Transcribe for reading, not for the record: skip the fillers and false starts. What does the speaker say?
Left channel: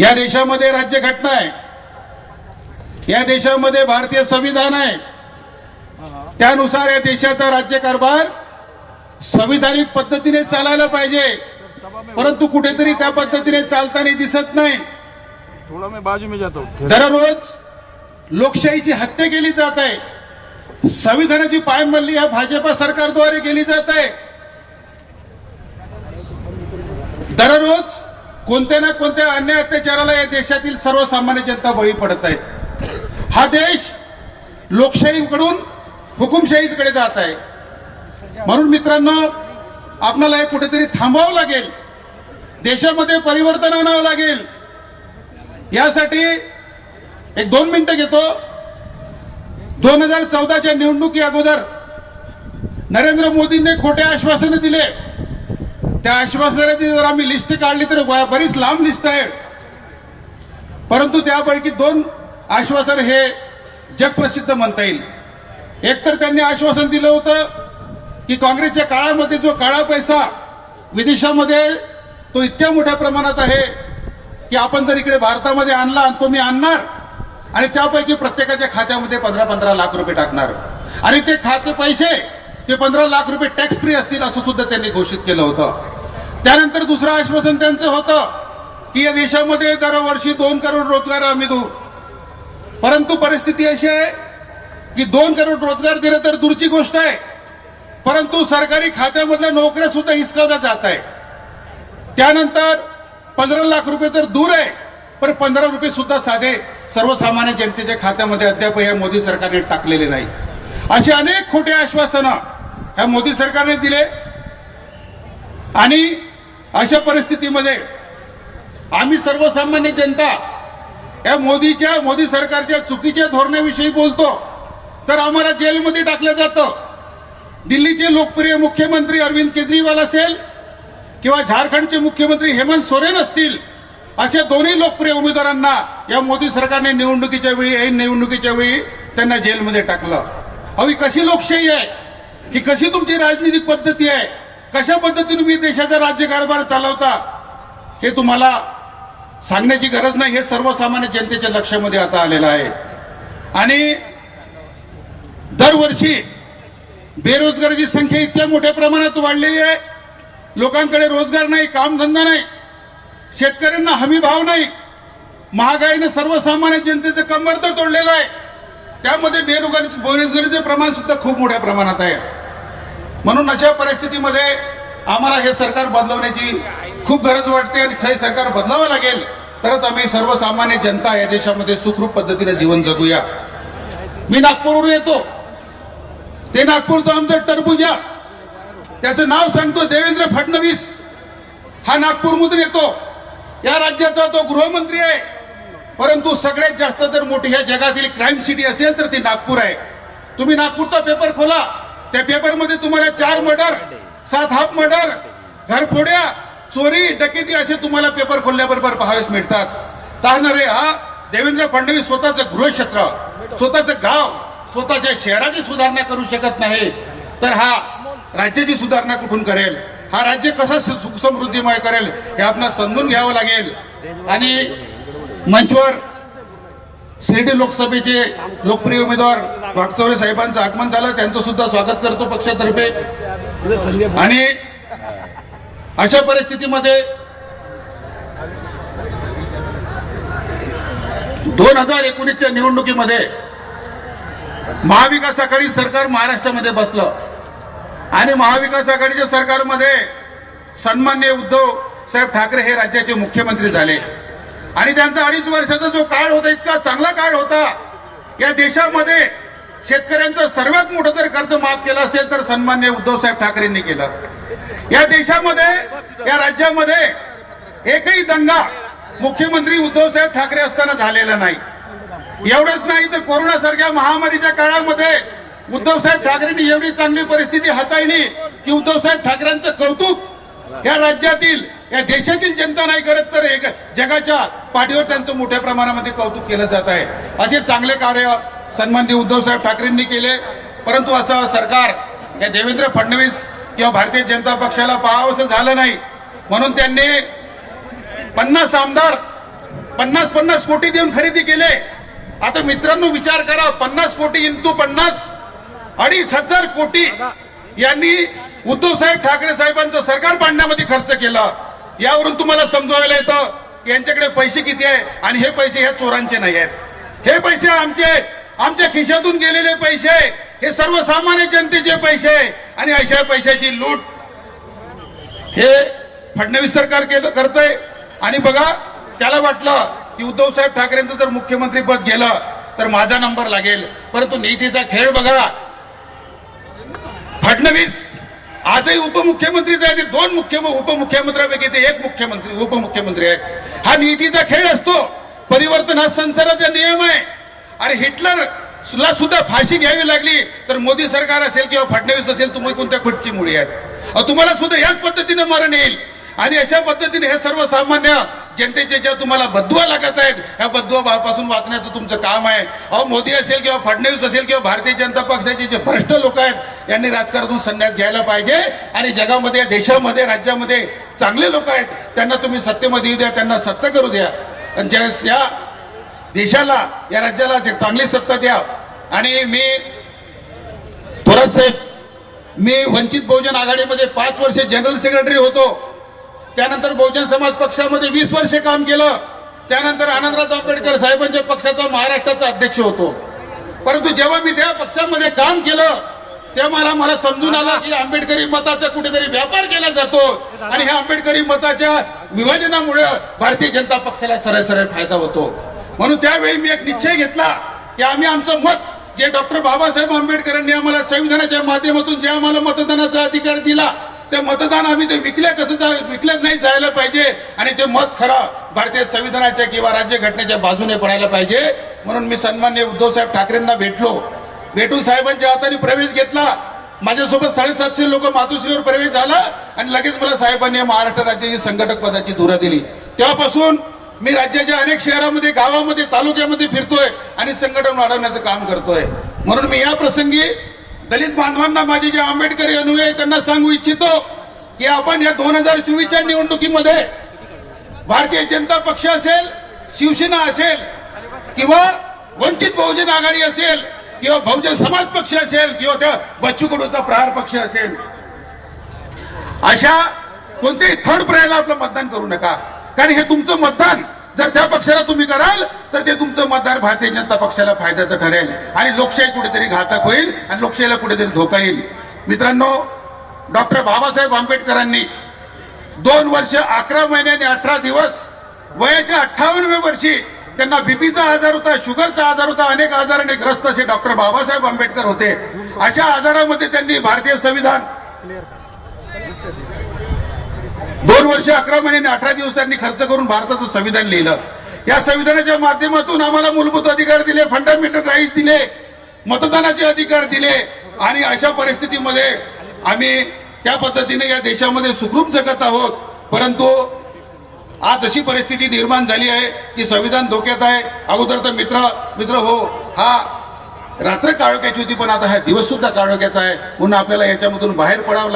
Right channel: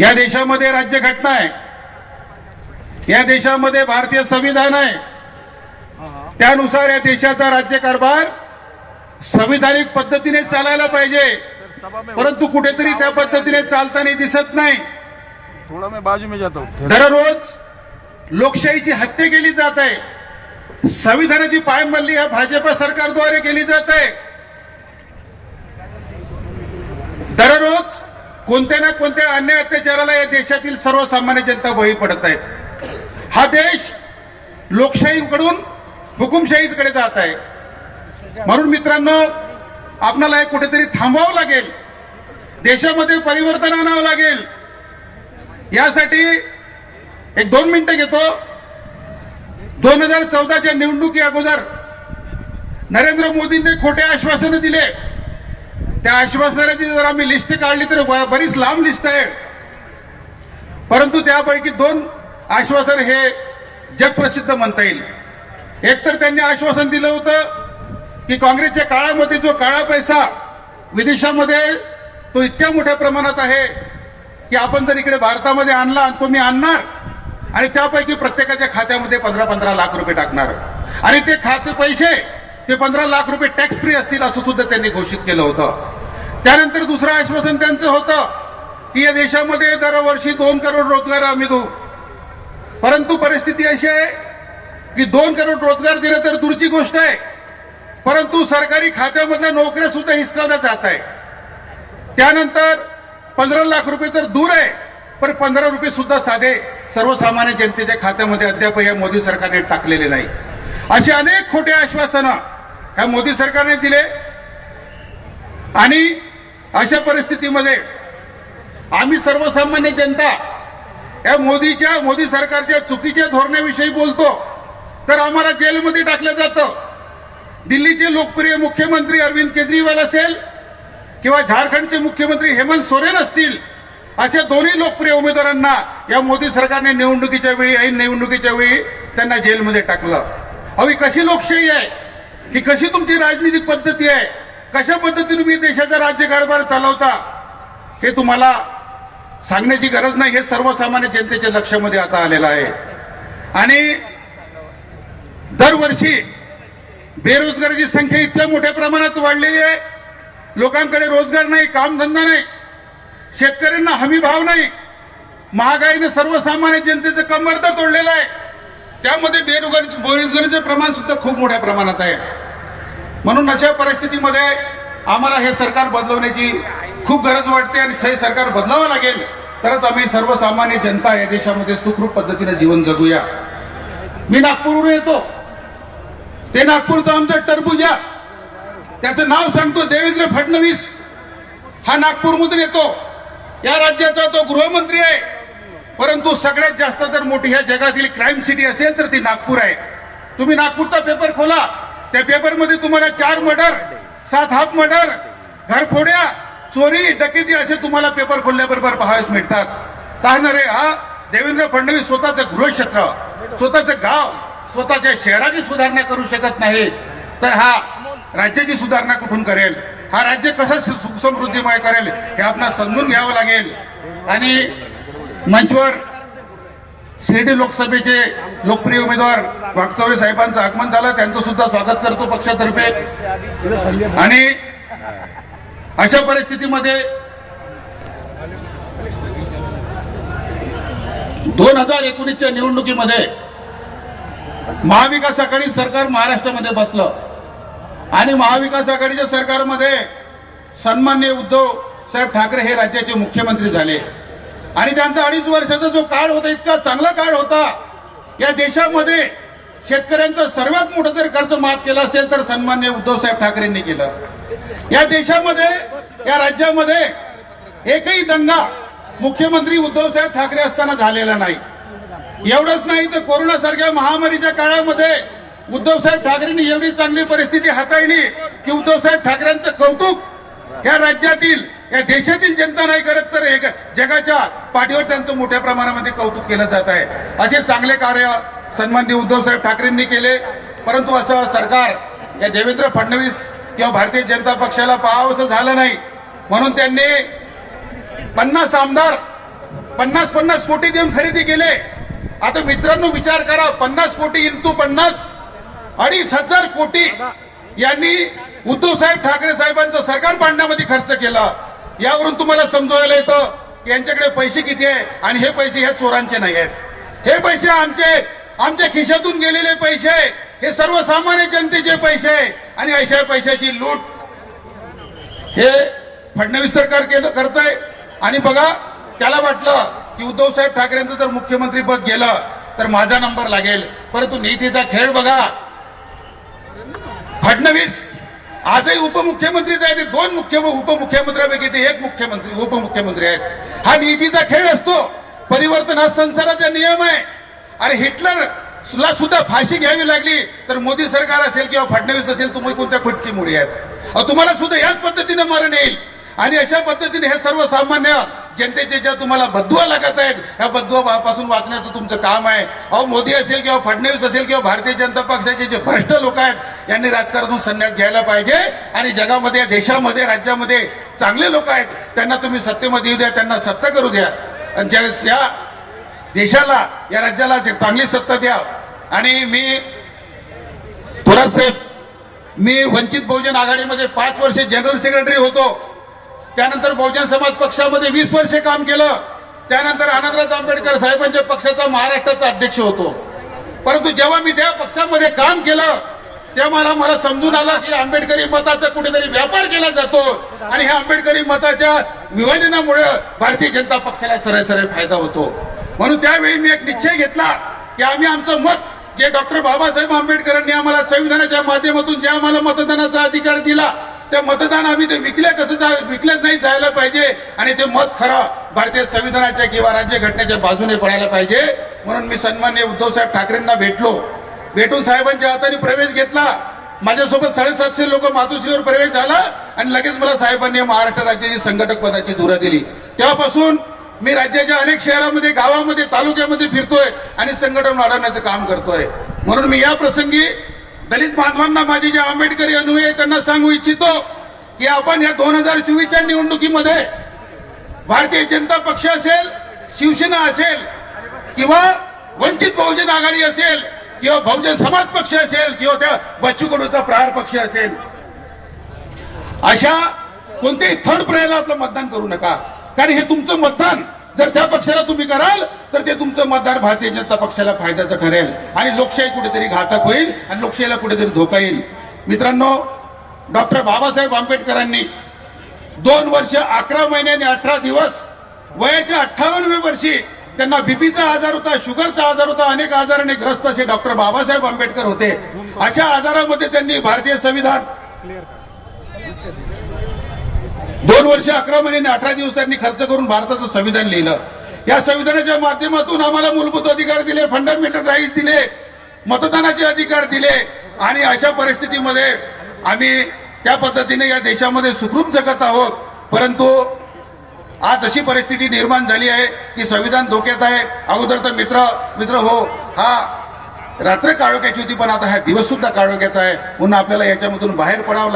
या देशामध्ये राज्यघटना आहे, या देशामध्ये भारतीय संविधान आहे, त्यानुसार या देशाचा राज्यकारभार संविधानिक पद्धतीने चालायला पाहिजे, परंतु कुठेतरी त्या पद्धतीने चालताना दिसत नाही। थोड़ा मैं बाजू में जाता हूं। दररोज लोकशाहीची हत्या केली जात आहे, संविधानाची पायमल्ली या भाजपा सरकारद्वारे केली जात आहे। दररोज कोणत्या ना कोणत्या अन्याय अत्याचाराला या देशातील सर्वसामान्य जनता बळी पडत आहे। हा देश लोकशाहीकडून हुकुमशाहीकडे जात आहे। म्हणून मित्रांनो, आपल्याला हे कुठेतरी थांबवावं लागेल, देशामध्ये परिवर्तन आणावं लागेल। यासाठी एक 2 मिनिटं घेतो। 2014च्या निवडणुकी अगोदर नरेंद्र मोदींनी खोटे आश्वासनं दिले। त्या आश्वासनाची जर आम्ही लिस्ट काढली तर बरीच लांब लिस्ट आहे, परंतु त्यापैकी 2 आश्वासन हे जगप्रसिद्ध म्हणता येईल। एक तर त्यांनी आश्वासन दिलं होतं की काँग्रेसच्या काळामध्ये जो काळा पैसा विदेशामध्ये तो इतक्या मोठ्या प्रमाणात आहे की आपण जर इकडे भारतामध्ये आणला आणि तो मी आणणार आणि त्यापैकी प्रत्येकाच्या खात्यामध्ये 15-15 लाख रुपये टाकणार आणि ते खाते पैसे ते 15 लाख रुपये टॅक्स फ्री असतील असं सुद्धा त्यांनी घोषित केलं होतं। त्यानंतर दुसरं आश्वासन त्यांचं होतं की या देशामध्ये दरवर्षी 2 करोड रोजगार आम्ही देऊ, परंतु परिस्थिती अशी आहे की 2 करोड रोजगार दिलं तर दूरची गोष्ट आहे, परंतु सरकारी खात्यामधल्या नोकऱ्या सुद्धा हिसकावल्या जात आहे। त्यानंतर 15 लाख रुपये तर दूर आहे, पण 15 रुपये सुद्धा साधे सर्वसामान्य जनतेच्या खात्यामध्ये अद्याप या मोदी सरकारने टाकलेले नाही। असे अनेक खोटे आश्वासनं ह्या मोदी सरकारने दिले आणि अशा परिस्थितीमध्ये आम्ही सर्वसामान्य जनता या मोदी सरकारच्या चुकीच्या धोरणाविषयी बोलतो तर आम्हाला जेलमध्ये टाकलं जातं। दिल्लीचे लोकप्रिय मुख्यमंत्री अरविंद केजरीवाल असेल किंवा झारखंडचे मुख्यमंत्री हेमंत सोरेन असतील, अशा दोन्ही लोकप्रिय उमेदवारांना या मोदी सरकारने निवडणुकीच्या वेळी ऐन निवडणुकीच्या वेळी त्यांना जेलमध्ये टाकलं। अहो, ही कशी लोकशाही आहे, ही कशी तुमची राजनीतिक पद्धती आहे, कशा पद्धतीने तुम्ही देशाचा राज्यकारभार चालवता हे तुम्हाला सांगण्याची गरज नाही, हे सर्वसामान्य जनतेच्या लक्षामध्ये आता आलेलं आहे। आणि दरवर्षी बेरोजगाराची संख्या इतक्या मोठ्या प्रमाणात वाढलेली आहे, लोकांकडे रोजगार नाही, कामधंदा नाही, शेतकऱ्यांना हमी भाव नाही, महागाईने सर्वसामान्य जनतेचं कंबर तर तोडलेलं आहे, त्यामध्ये बेरोजगारीचे प्रमाण सुद्धा खूप मोठ्या प्रमाणात आहे। म्हणून अशा परिस्थितीमध्ये आम्हाला हे सरकार बदलवण्याची खूप गरज वाटते आणि हे सरकार बदलावं लागेल, तरच आम्ही सर्वसामान्य जनता या देशामध्ये सुखरूप पद्धतीने जीवन जगूया। मी नागपूरवरून येतो, ते नागपूरचं आमचं टरबुजा, त्याचं नाव सांगतो देवेंद्र फडणवीस, हा नागपूरमधून येतो। या राज्याचा तो गृहमंत्री आहे, परंतु सगळ्यात जास्त जर मोठी ह्या जगातील क्राईम सिटी असेल तर ती नागपूर आहे। तुम्ही नागपूरचा पेपर खोला, त्या पेपरमध्ये तुम्हाला 4 मर्डर, 7 हाफ मर्डर, घरफोड्या, चोरी, डकेती असे तुम्हाला पेपर खोलल्याबरोबर पाहायला मिळतात। कारण रे हा देवेंद्र फडणवीस स्वतःचं गृहक्षेत्र, स्वतःचं गाव, स्वतःच्या शहराची सुधारणा करू शकत नाही, तर हा राज्याची सुधारणा कुठून करेल, हा राज्य कसं सुख समृद्धीमय करेल हे आपल्याला समजून घ्यावं लागेल। आणि मंचवर शिर्डी लोकसभेचे लोकप्रिय उमेदवार वाकचौरे साहेबांचं आगमन झालं, त्यांचं सुद्धा स्वागत करतो पक्षातर्फे। आणि अशा परिस्थितीमध्ये 2019च्या निवडणुकीमध्ये महाविकास आघाडी सरकार महाराष्ट्रामध्ये बसलं आणि महाविकास आघाडीच्या सरकारमध्ये सन्माननीय उद्धव साहेब ठाकरे हे राज्याचे मुख्यमंत्री झाले आणि त्यांचा 2.5 वर्षाचा जो काळ होता इतका चांगला काळ होता। या देशामध्ये शेतकऱ्यांचं सर्वात मोठं जर कर्ज माफ केलं असेल तर सन्माननीय उद्धव साहेब ठाकरेंनी केलं। या देशामध्ये, या राज्यामध्ये एकही दंगा मुख्यमंत्री उद्धव साहेब ठाकरे असताना झालेला नाही। एवढंच नाही तर कोरोनासारख्या महामारीच्या काळामध्ये उद्धव साहेब ठाकरेंनी एवढी चांगली परिस्थिती हाताळली की उद्धव साहेब ठाकरेंचं कौतुक या राज्यातील, या देशातील जनता नाही करत तर जगाच्या पाठीवर त्यांचं मोठ्या प्रमाणामध्ये कौतुक केलं जात आहे। असे चांगले कार्य सन्माननीय उद्धव साहेब ठाकरेंनी केले, परंतु असं सरकार या देवेंद्र फडणवीस किंवा भारतीय जनता पक्षाला पाहावंसं झालं नाही, म्हणून त्यांनी 50 आमदार 50 कोटी देऊन खरेदी केले. आता मित्रांनो विचार करा, 50 कोटी इंटू 50, 2,500 कोटी यांनी उद्धव साहेब ठाकरे साहेबांचं सरकार पाडण्यामध्ये खर्च केला. यावरून तुम्हाला समजवायला येतं यांच्याकडे पैसे किती आहे आणि हे पैसे ह्या चोरांचे नाही आहेत. हे पैसे आमचे आहेत, आमच्या खिशातून गेलेले पैसे, हे सर्वसामान्य जनतेचे पैसे आणि अशा पैशाची लूट हे फडणवीस सरकार करतंय. आणि बघा, त्याला वाटलं की उद्धव साहेब ठाकरेंचं जर मुख्यमंत्री पद गेलं तर माझा नंबर लागेल. परंतु नीतीचा खेळ बघा, फडणवीस आजही उपमुख्यमंत्रीच आहे. 2 उपमुख्यमंत्र्यांपैकी ते एक उपमुख्यमंत्री आहेत. हा नीतीचा खेळ असतो. परिवर्तन हा संसाराचा नियम आहे. अरे हिटलरला सुद्धा फाशी घ्यावी लागली तर मोदी सरकार असेल किंवा फडणवीस असेल, तुम्ही कोणत्या खुटची मुळी आहेत. तुम्हाला सुद्धा याच पद्धतीने मरण येईल. आणि अशा पद्धतीने हे सर्वसामान्य जनतेचे ज्या तुम्हाला बदुआ लागत आहेत, ह्या बदुआ पासून वाचण्याचं तुमचं काम आहे. मोदी असेल किंवा फडणवीस असेल किंवा भारतीय जनता पक्षाचे जे भ्रष्ट लोक आहेत यांनी राजकारणातून संन्यास घ्यायला पाहिजे. आणि जगामध्ये, देशामध्ये, राज्यामध्ये चांगले लोक आहेत, त्यांना तुम्ही सत्तेमध्ये येऊ द्या, त्यांना सत्ता करू द्या. आणि या देशाला, या राज्याला चांगली सत्ता द्या. आणि मी थोरात साहेब, मी वंचित बहुजन आघाडीमध्ये 5 वर्ष जनरल सेक्रेटरी होतो. त्यानंतर बहुजन समाज पक्षामध्ये 20 वर्ष काम केलं. त्यानंतर आनंदराज आंबेडकर साहेबांच्या पक्षाचा महाराष्ट्राचा अध्यक्ष होतो. परंतु जेव्हा मी त्या पक्षामध्ये काम केलं तेव्हा मला समजून आलं की आंबेडकरी मताचा कुठेतरी व्यापार केला जातो आणि ह्या आंबेडकरी मताच्या विभाजनामुळे भारतीय जनता पक्षाला सरळ फायदा होतो. म्हणून त्यावेळी मी एक निश्चय घेतला की आम्ही आमचं मत, जे डॉक्टर बाबासाहेब आंबेडकरांनी आम्हाला संविधानाच्या माध्यमातून जे आम्हाला मतदानाचा अधिकार दिला, ते मतदान आम्ही ते विकलं नाही जायला पाहिजे. आणि ते मत खरं भारतीय संविधानाच्या किंवा राज्य घटनेच्या बाजूने पडायला पाहिजे. म्हणून मी सन्माननीय उद्धव साहेब ठाकरेंना भेटून साहेबांच्या हाताने प्रवेश घेतला. माझ्यासोबत 750 लोक मातोश्रीवर प्रवेश झाला आणि लगेच मला साहेबांनी महाराष्ट्र राज्याची संघटक पदाची धुरा दिली. तेव्हापासून मी राज्याच्या अनेक शहरामध्ये, गावामध्ये, तालुक्यामध्ये फिरतोय आणि संघटन वाढवण्याचं काम करतोय. म्हणून मी या प्रसंगी दलित बांधवांना, माझे जे आंबेडकरी अनुयायी, त्यांना सांगू इच्छितो की आपण या 2024च्या निवडणुकीमध्ये भारतीय जनता पक्ष असेल, शिवसेना असेल किंवा वंचित बहुजन आघाडी असेल किंवा बहुजन समाज पक्ष असेल किंवा त्या बच्चू कडूचा प्रहार पक्ष असेल, अशा कोणत्याही थर्ड पर्यायाला आपलं मतदान करू नका. कारण हे तुमचं मतदान जर त्या पक्षाला तुम्ही कराल तर ते तुमचं मतदान भारतीय जनता पक्षाला फायद्याचं ठरेल आणि लोकशाही कुठेतरी घातक होईल आणि लोकशाहीला कुठेतरी धोका येईल. मित्रांनो, डॉक्टर बाबासाहेब आंबेडकरांनी 2 वर्ष 11 महिने आणि 18 दिवस, वयाच्या 58व्या वर्षी त्यांना बीपीचा आजार होता, शुगरचा आजार होता, अनेक आजाराने ग्रस्त असे डॉक्टर बाबासाहेब आंबेडकर होते. अशा आजारामध्ये त्यांनी भारतीय संविधान 2 वर्ष 11 महिने आणि 18 दिवसांनी खर्च करून भारताचं संविधान लिहिलं. या संविधानाच्या माध्यमातून आम्हाला मूलभूत अधिकार दिले, फंडामेंटल राईट्स दिले, मतदानाचे अधिकार दिले. आणि अशा परिस्थितीमध्ये आम्ही त्या पद्धतीने या देशामध्ये सुखरूप जगत आहोत. परंतु आज अशी परिस्थिती निर्माण झाली आहे की संविधान धोक्यात आहे. अगोदर तर मित्र हो, हा रात्र काळोख्याची होती, पण आता हा दिवस सुद्धा काळोख्याचा आहे. म्हणून आपल्याला याच्यामधून बाहेर पडावं लागेल.